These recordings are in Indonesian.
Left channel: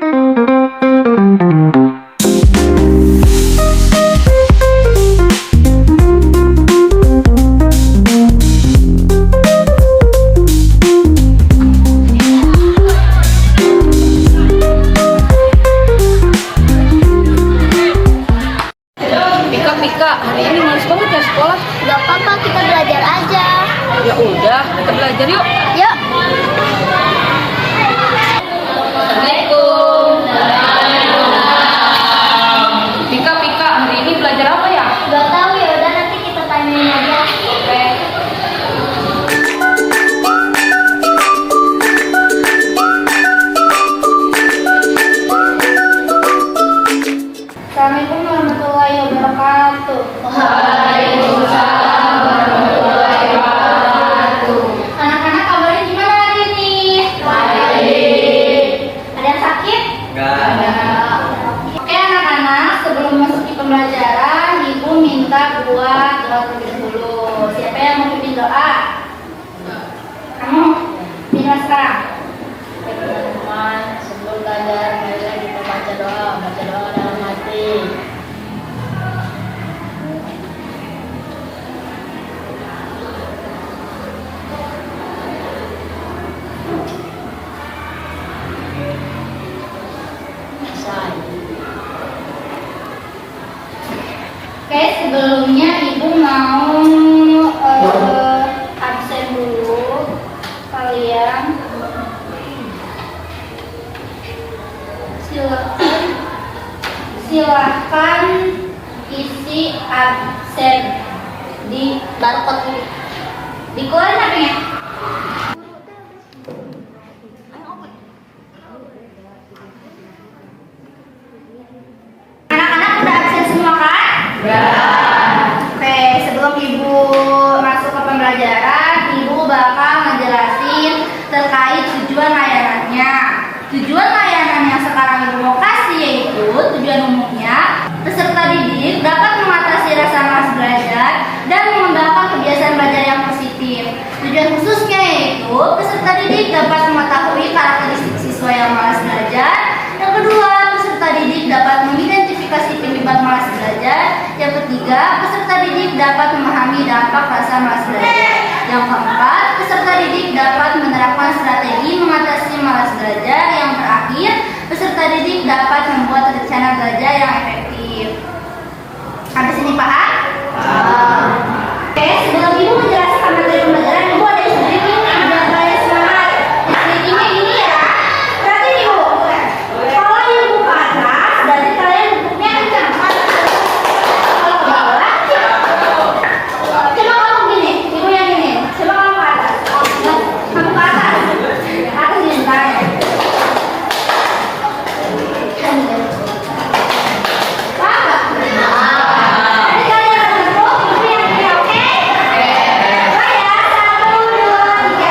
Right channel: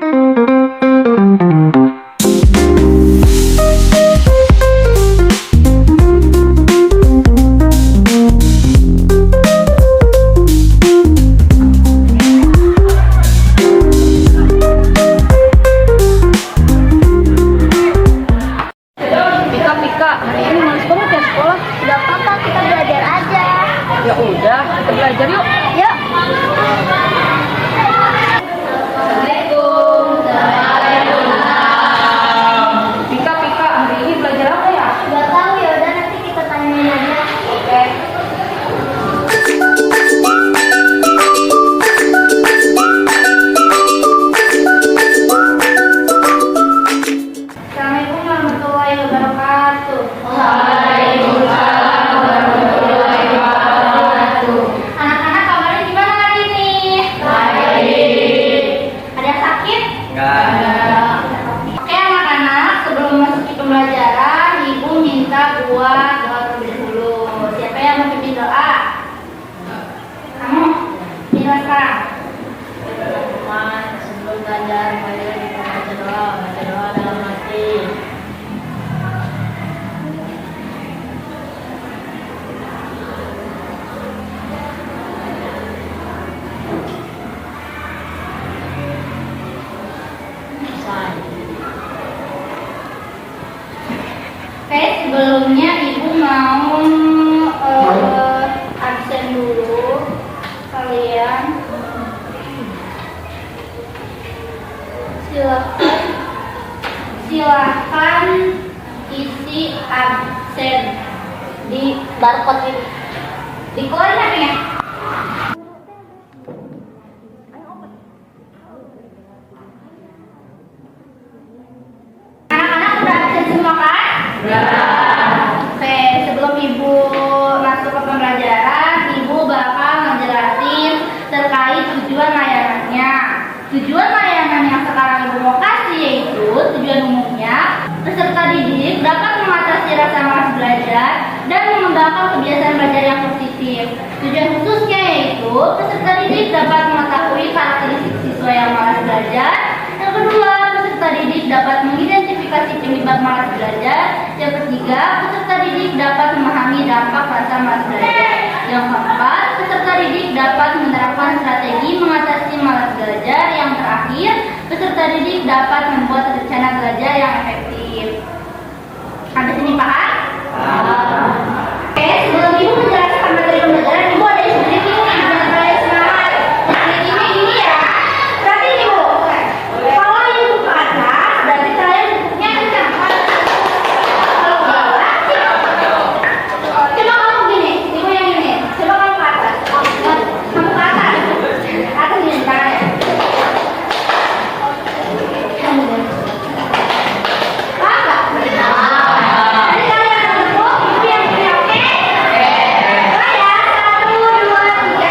Hari ini males banget ya sekolah. Gak apa-apa, kita belajar aja. Ya udah, kita belajar yuk. Yuk. Assalamualaikum. Pika, hari ini belajar apa ya? Gak tahu, ya udah nanti kita tanyain aja. Oke. Assalamualaikum warahmatullahi wabarakatuh. Waalaikumsalam warahmatullahi wabarakatuh. Anak-anak kabarnya gimana lagi nih? Baik. Ada yang sakit? Enggak ada. Oke anak-anak, sebelum masuk ke pembelajaran, Ibu minta buat doa terlebih dahulu. Siapa yang mau pimpin doa? Kamu? Minta sekarang. Sebelum belajar kita baca doa dalam hati. Oke, sebelumnya Ibu mau absen dulu. Kalian silakan isi absen di barcode ini. Dikeluarin HP-nya. Anak-anak udah absen semua kan? Oke, sebelum Ibu masuk ke pembelajaran, Ibu bakal ngejelasin terkait tujuan layanannya. Tujuan layanan yang sekarang Ibu mau kasih yaitu tujuan umumnya, peserta didik dapat mengatasi rasa malas belajar dan mengembangkan kebiasaan belajar yang positif. Tujuan khususnya yaitu peserta didik dapat mengetahui karakteristik siswa yang malas belajar. Yang kedua, peserta didik dapat mengidentifikasi penyebab malas belajar. Yang ketiga, peserta didik dapat memahami dampak rasa malas belajar. Yang keempat, peserta didik dapat menerapkan strategi mengatasi malas belajar. Yang terakhir, peserta didik dapat membuat rencana belajar yang efektif. Sampai sini paham? Oke, sebelum Ibu menjelaskan materi pembelajaran, Ibu ada yang sendiri nih, biar kalian semangat. Sendirinya gini ya. Berarti Ibu, kalau Ibu ke atas, berarti kalian duduknya kencang. Kalau ke bawah, coba kamu gini, Ibu yang gini. Coba kamu ke atas. Kamu ke atas. Aku gini tangannya. Paham nggak? Jadi kalian akan bertemu, Ibu yang gini, oke? Mulai ya, 1, 2, 3.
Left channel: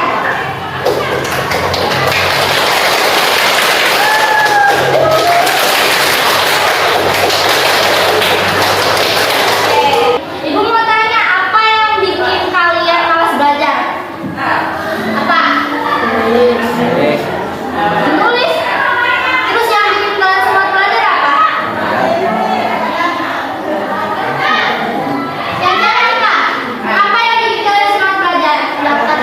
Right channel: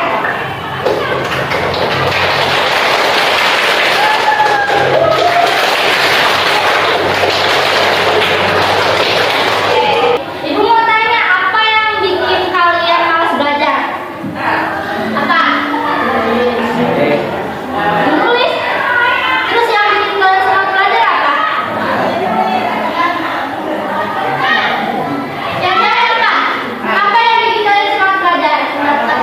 Ibu mau tanya, apa yang bikin kalian malas belajar? Apa? Menulis. Terus yang bikin kalian semangat belajar apa? Yang terakhir apa? Apa yang bikin kalian semangat belajar? Mendapatkan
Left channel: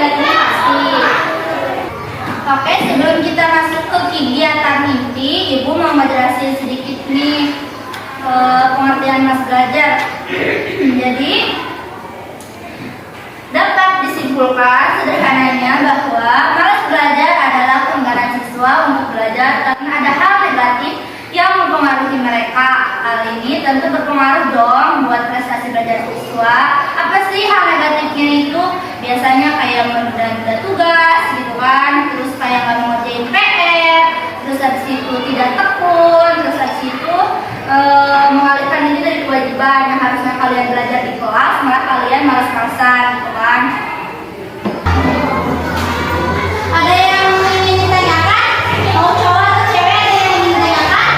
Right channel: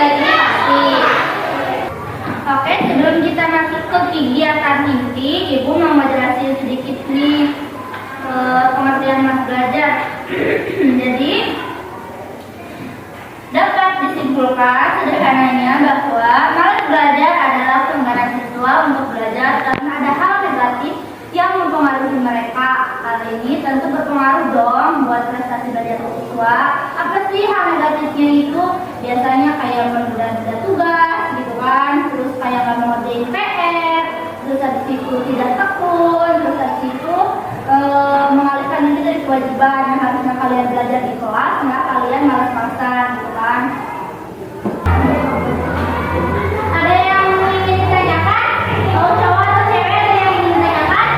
lagi pasti. Oke, sebelum kita masuk ke kegiatan inti, Ibu mau menjelaskan sedikit nih pengertian malas belajar. Jadi dapat disimpulkan sederhananya bahwa malas belajar adalah keengganan siswa untuk belajar karena ada hal negatif yang mempengaruhi mereka. Hal ini tentu berpengaruh dong buat prestasi belajar siswa. Apa sih hal negatifnya itu? Biasanya kayak menunda-nunda tugas gitu kan, terus kayak nggak mengerjain PR, terus habis itu tidak tekun, terus habis itu mengalihkan diri dari kewajiban yang harusnya kalian belajar di kelas, malah kalian malas-malasan gitu kan. Ada yang ingin ditanyakan? Mau cowok atau cewek, ada yang ingin ditanyakan?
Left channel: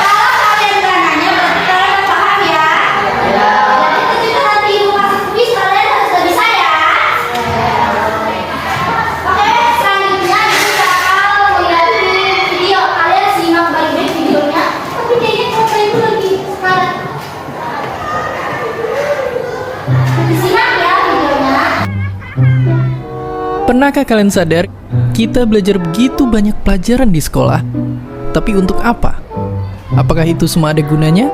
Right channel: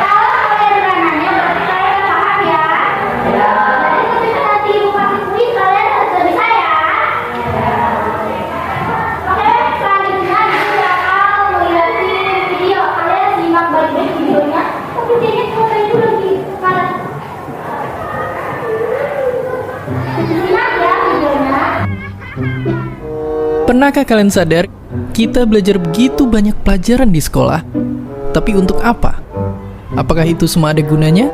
Kalau kalian udah nanya berarti kalian udah paham ya. Jadi ketika nanti Ibu masuk kuis kalian harus lebih bisa ya. Oke, selanjutnya Ibu Pernahkah kalian sadar, kita belajar begitu banyak pelajaran di sekolah, tapi untuk apa? Apakah itu semua ada gunanya?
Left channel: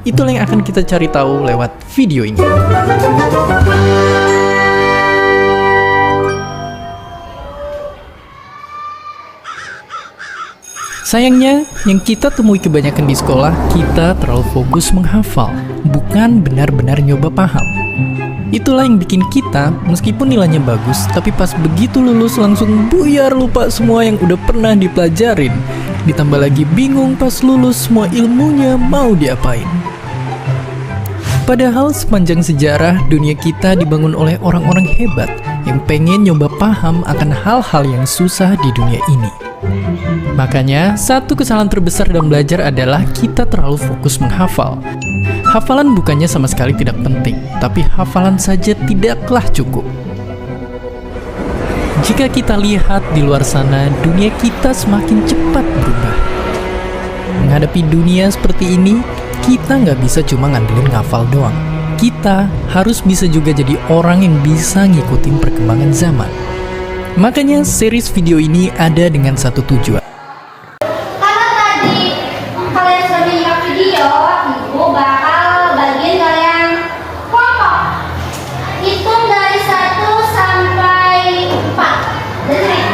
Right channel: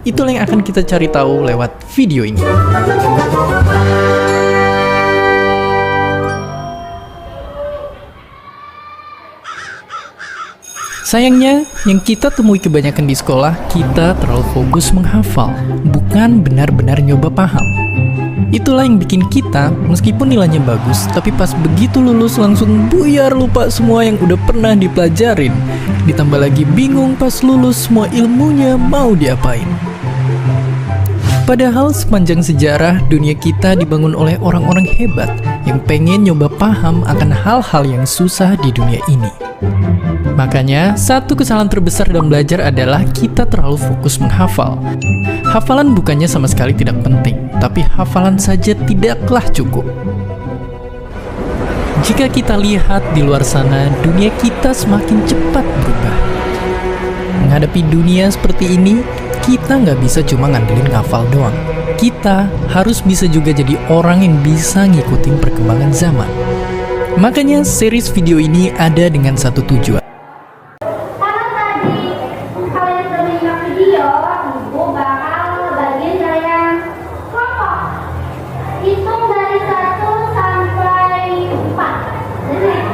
Itulah yang akan kita cari tahu lewat video ini. Sayangnya, yang kita temui kebanyakan di sekolah, kita terlalu fokus menghafal, bukan benar-benar nyoba paham. Itulah yang bikin kita, meskipun nilainya bagus, tapi pas begitu lulus langsung buyar lupa semua yang udah pernah dipelajarin. Ditambah lagi bingung pas lulus semua ilmunya mau diapain. Padahal sepanjang sejarah, dunia kita dibangun oleh orang-orang hebat yang pengen nyoba paham akan hal-hal yang susah di dunia ini. Makanya, satu kesalahan terbesar dalam belajar adalah kita terlalu fokus menghafal. Hafalan bukannya sama sekali tidak penting, tapi hafalan saja tidaklah cukup. Jika kita lihat di luar sana, dunia kita semakin cepat berubah. Menghadapi dunia seperti ini, kita nggak bisa cuma ngandelin ngafal doang. Kita harus bisa juga jadi orang yang bisa ngikutin perkembangan zaman. Makanya series video ini ada dengan satu tujuan. Karena tadi kalian sudah menyimak video, ibu bakal bagiin kalian kelompok. Hitung dari 1 sampai 4. Dari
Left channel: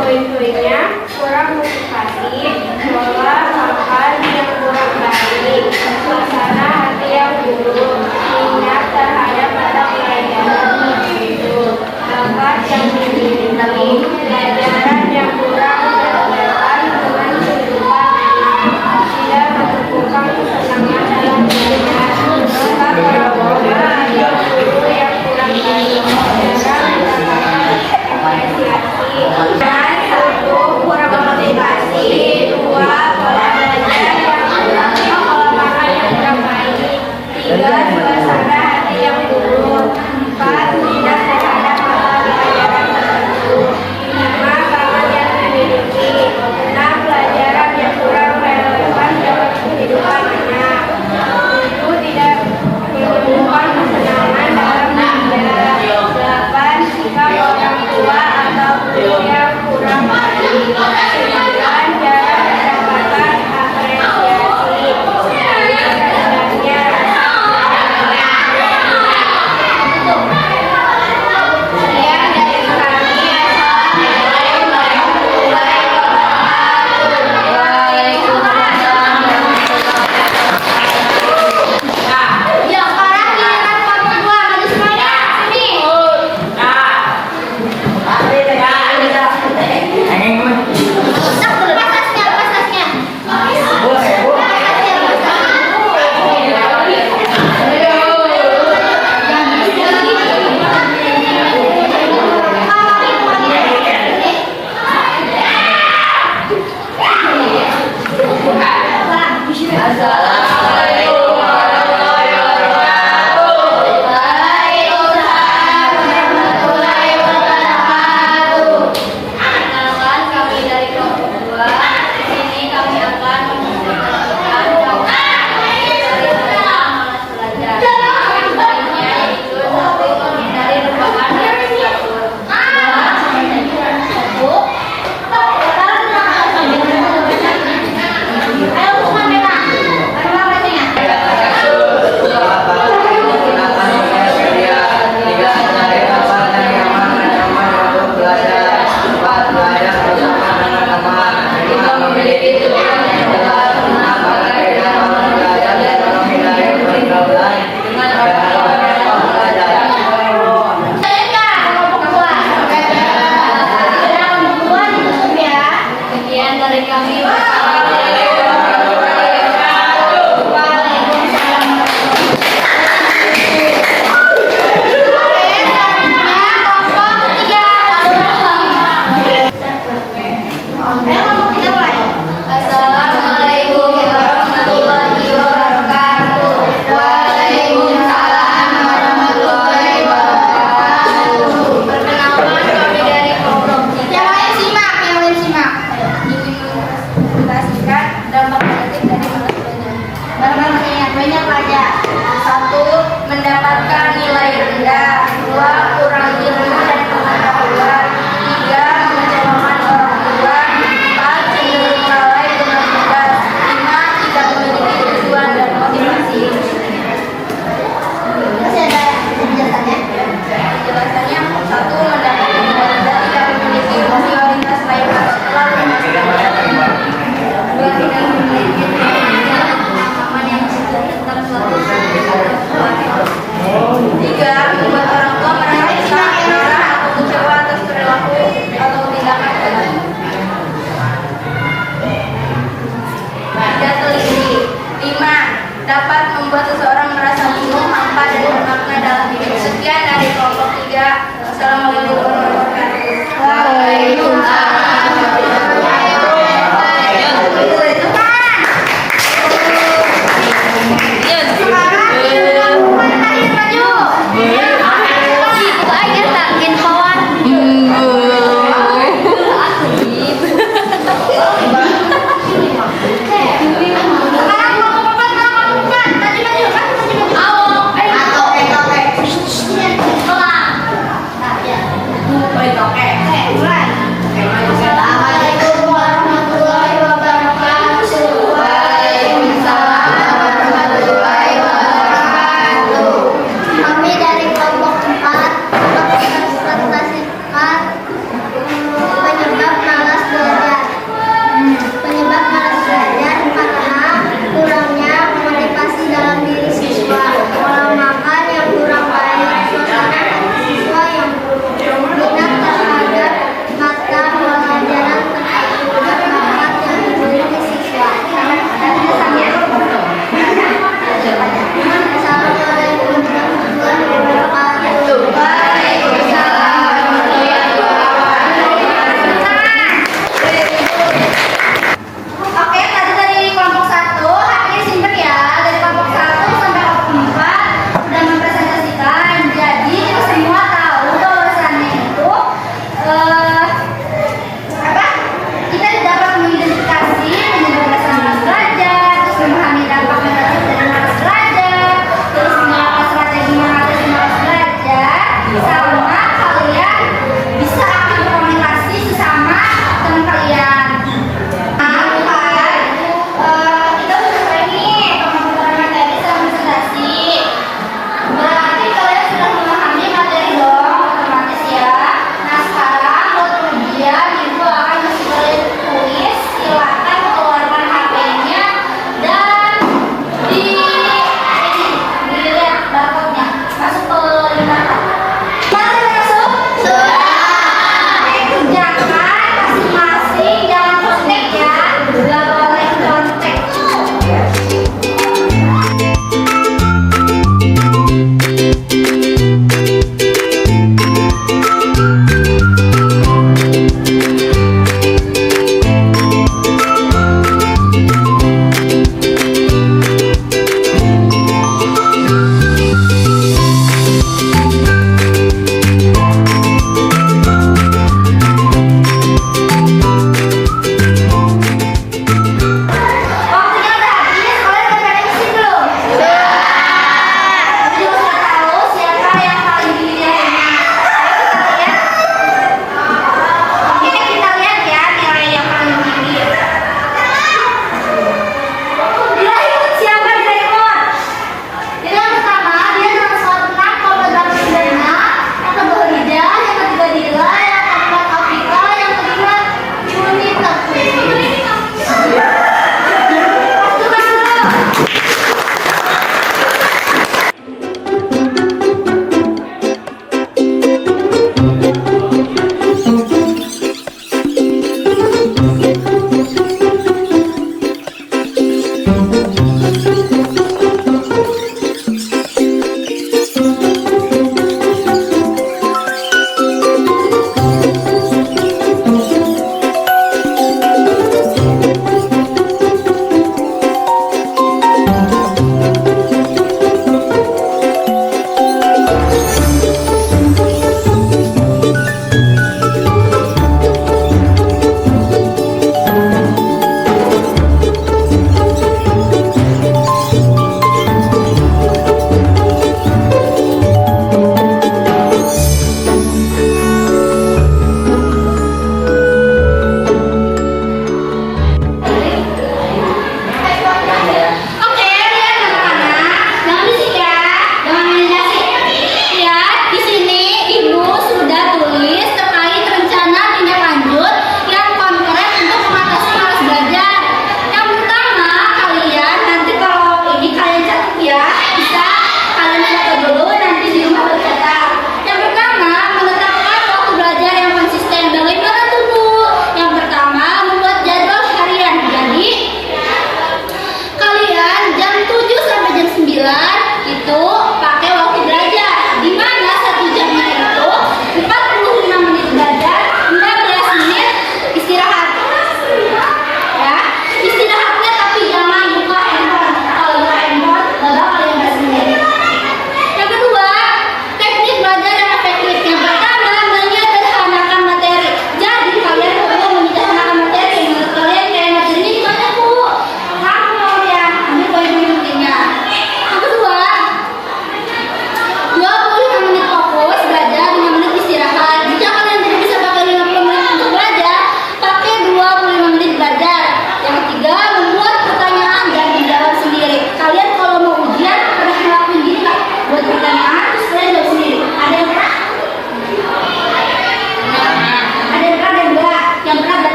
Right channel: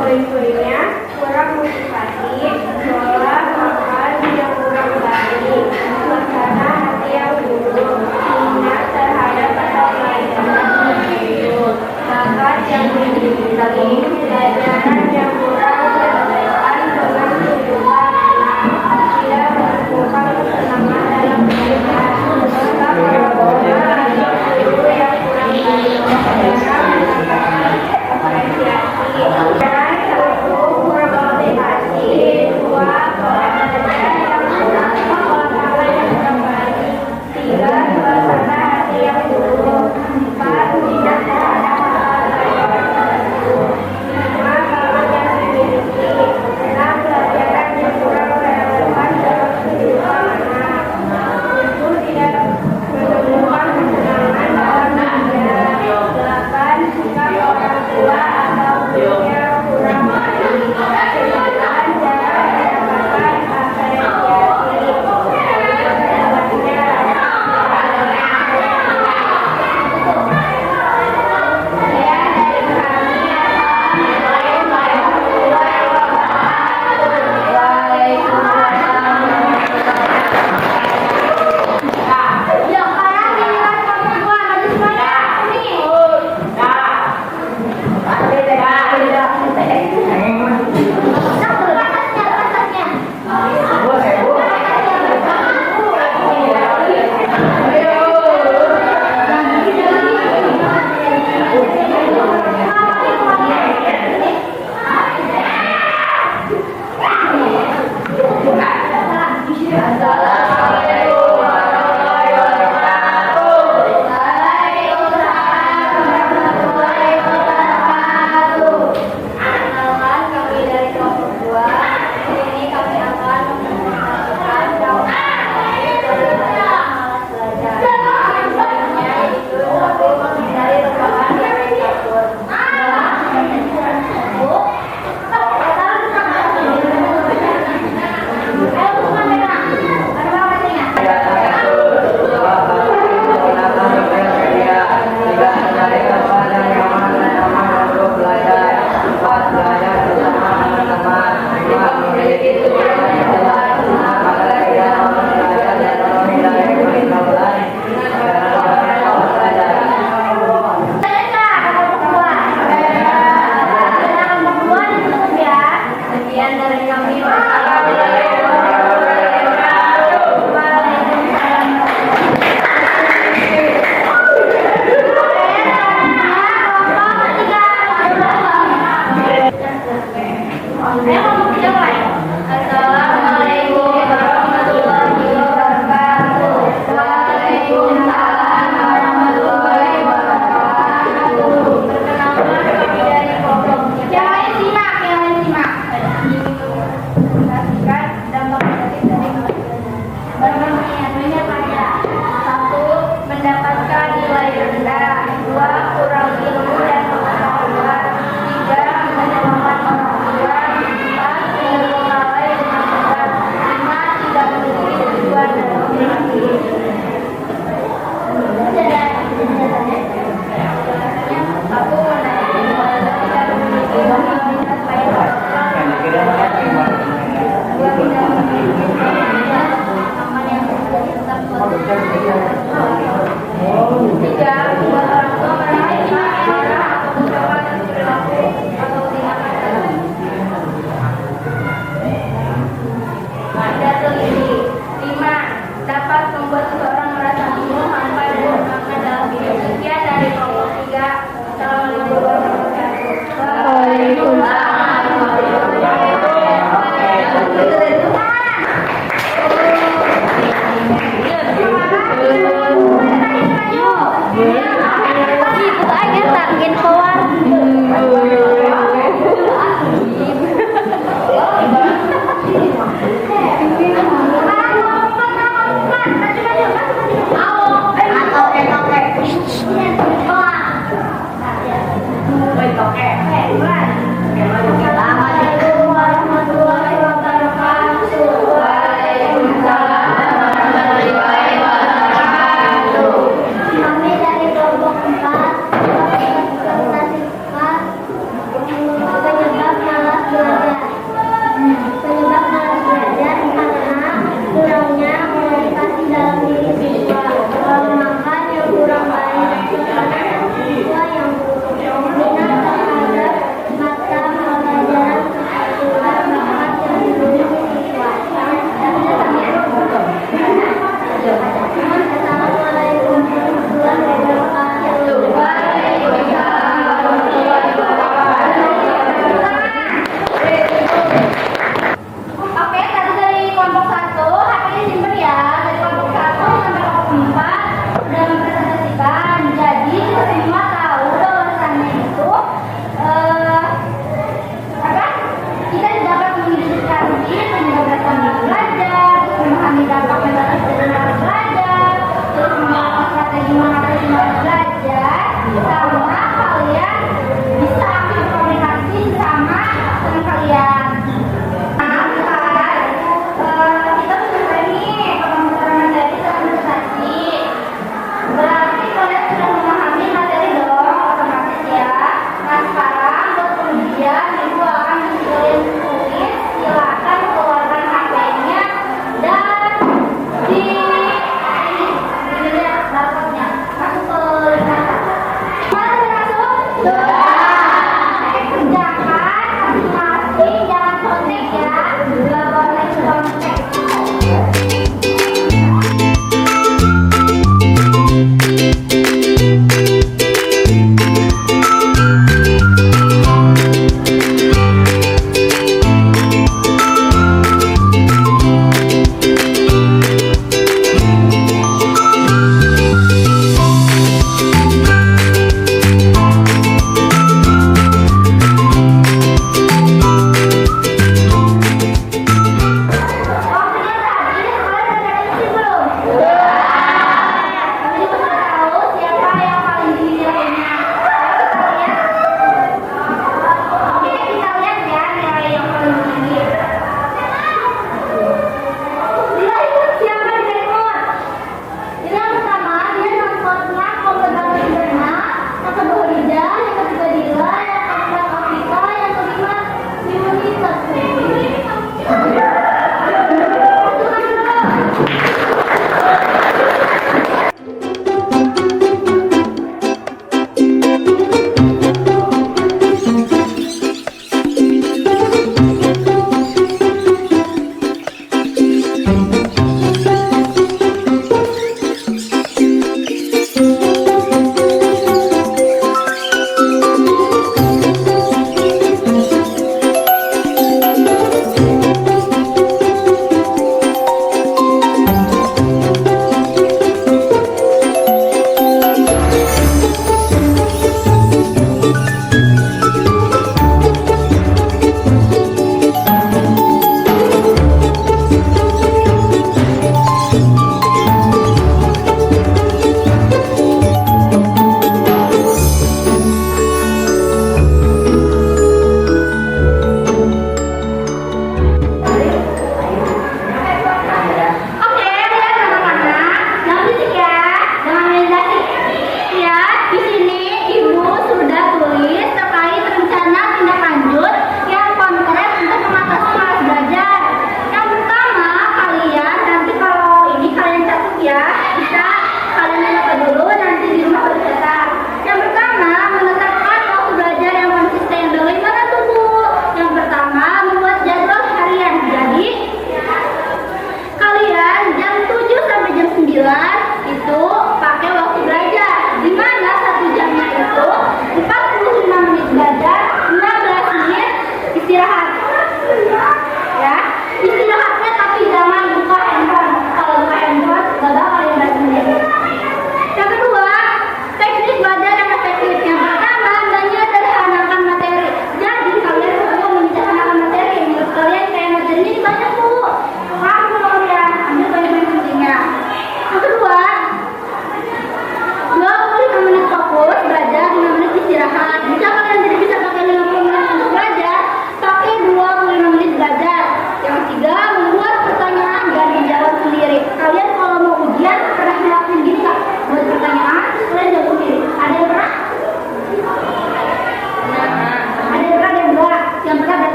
poin-poinnya kurang motivasi, pola makan yang kurang baik, suasana hati yang buruk, minat terhadap mata pelajaran tertentu, bakat yang dimiliki, pelajaran yang kurang relevan dengan kehidupan anak, tidak menemukan kesenangan dalam belajar, maka pola atau guru yang kurang baik, jarang mendapatkan apresiasi. Dan satu, kurang motivasi, dua, pola belajar yang kurang, pola makan yang kurang baik, tiga, suasana hati yang buruk, empat, minat terhadap mata pelajaran tertentu.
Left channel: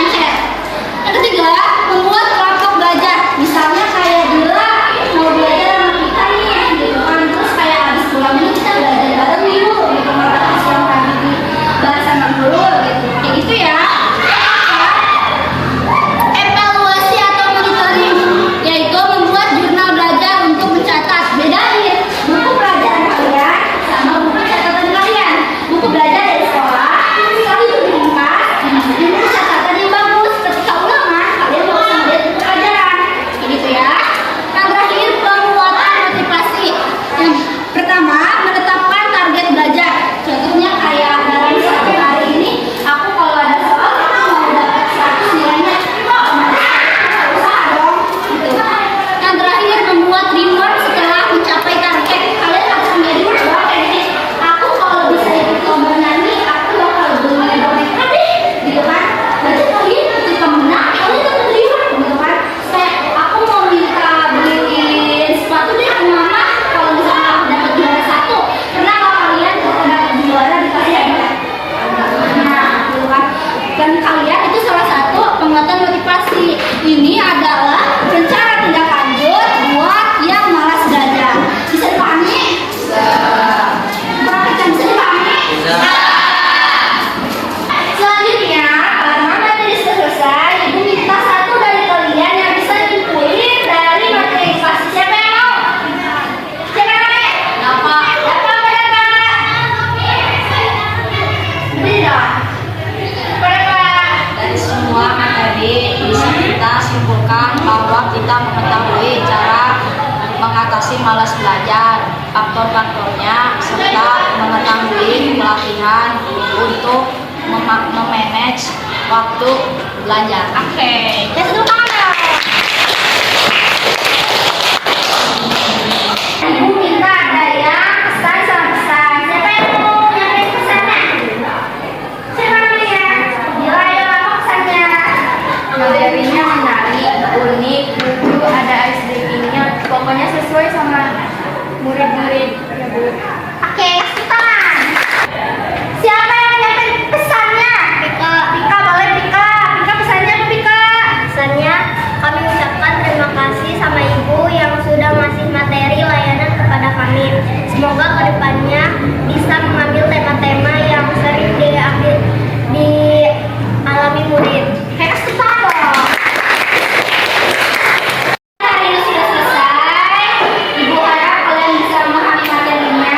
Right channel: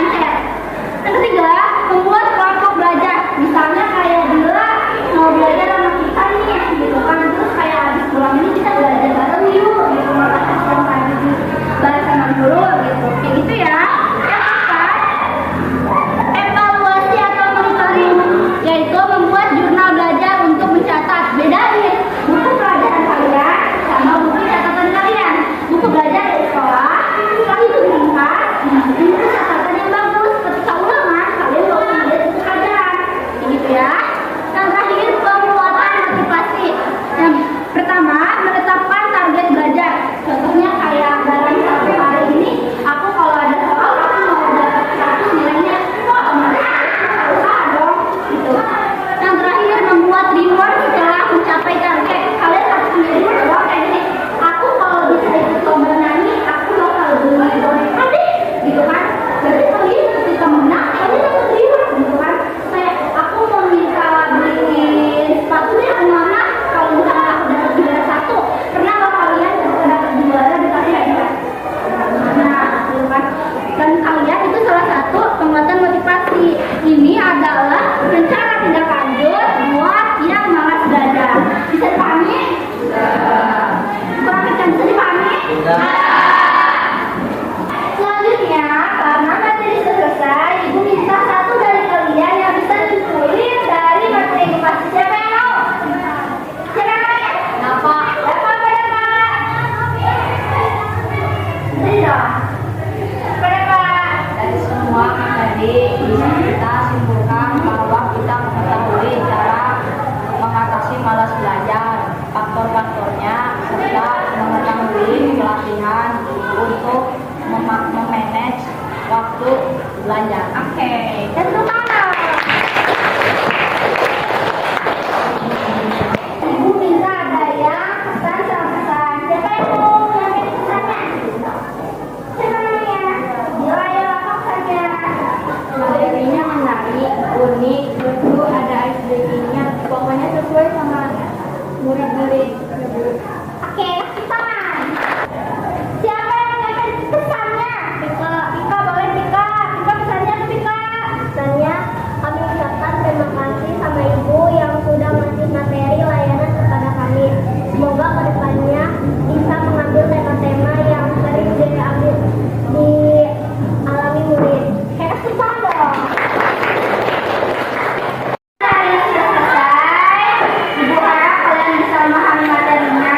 mindset. Yang ketiga, membuat kelompok belajar. Misalnya kayak Dila mau belajar sama kita nih, gitu kan. Terus kayak habis pulang ini kita belajar bareng yuk, gitu. Mata tes yang tadi di bahas sama guru, gitu. Kayak gitu ya. Evaluasi atau monitoring, yaitu membuat jurnal belajar untuk mencatat. Bedain buku pelajaran kalian sama buku catatan kalian. Buku belajar dari sekolah, sekali itu diringkas, ini catatan yang bagus. Ketika ulangan, kalian mau lihat buku pelajaran. Gitu ya. Yang terakhir, penguatan motivasi. Yang pertama, menetapkan target belajar. Contohnya kayak dalam satu hari ini, aku kalau ada soal, aku mau dapat 100 nilainya, kok usaha dong, gitu. Yang terakhir, membuat reward setelah mencapai target. Kalian harus punya reward bahwa kayak gini, aku kalau bisa ikut lomba nyanyi, aku bakal beli boneka deh, gitu kan. Berarti kalian ketika menang, kalian dapat reward, gitu kan. Kayak aku mau minta beliin sepatu deh ke mama, kalau misalnya aku dapat juara 1, pernah nggak kalian kalau dapat juara dikasih hadiah? Nah, gitu kan. Dan kalian itu salah satu penguatan motivasi. Ini adalah rencana tindak lanjut buat yang malas belajar. Bisa dipahami? Kurang kencang, bisa dipahami? Selanjutnya, karena materi sudah selesai, ibu minta satu dari kalian yang bisa nyimpulin dari materi edukasi. Siapa yang mau? Siapa yang mau? Dapat. Dapat berapa? Tidak. Berapa? Dari semua materi bisa kita simpulkan bahwa kita mengetahui cara mengatasi malas belajar, faktor-faktornya, serta mengetahui pelatihan untuk memanage waktu belajar. Oke. Ya, satu tangan. Ibu minta ada yang pesan sama pesan. Siapa yang mau nyampein pesannya? Siapa namanya? Bila ayo apa pesannya? Materinya menarik, unik, lucu, ada SDG-nya, pokoknya sesuai sama murid-murid. Oke, kasih tangan. Siapa yang nyampein pesannya? Pika. Pika, boleh Pika. Pika pesannya apa Pika? Pesannya, kami ucapkan terima kasih sama Ibu yang sudah ngasih materi layanan kepada kami. Semoga kedepannya bisa mengambil tema-tema yang sering dialami murid. Kayak kasih tangan dong. Hari ini sudah selesai. Ibu harap kalian bisa memahami materinya.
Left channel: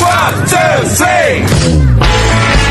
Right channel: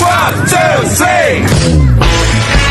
One, two, three.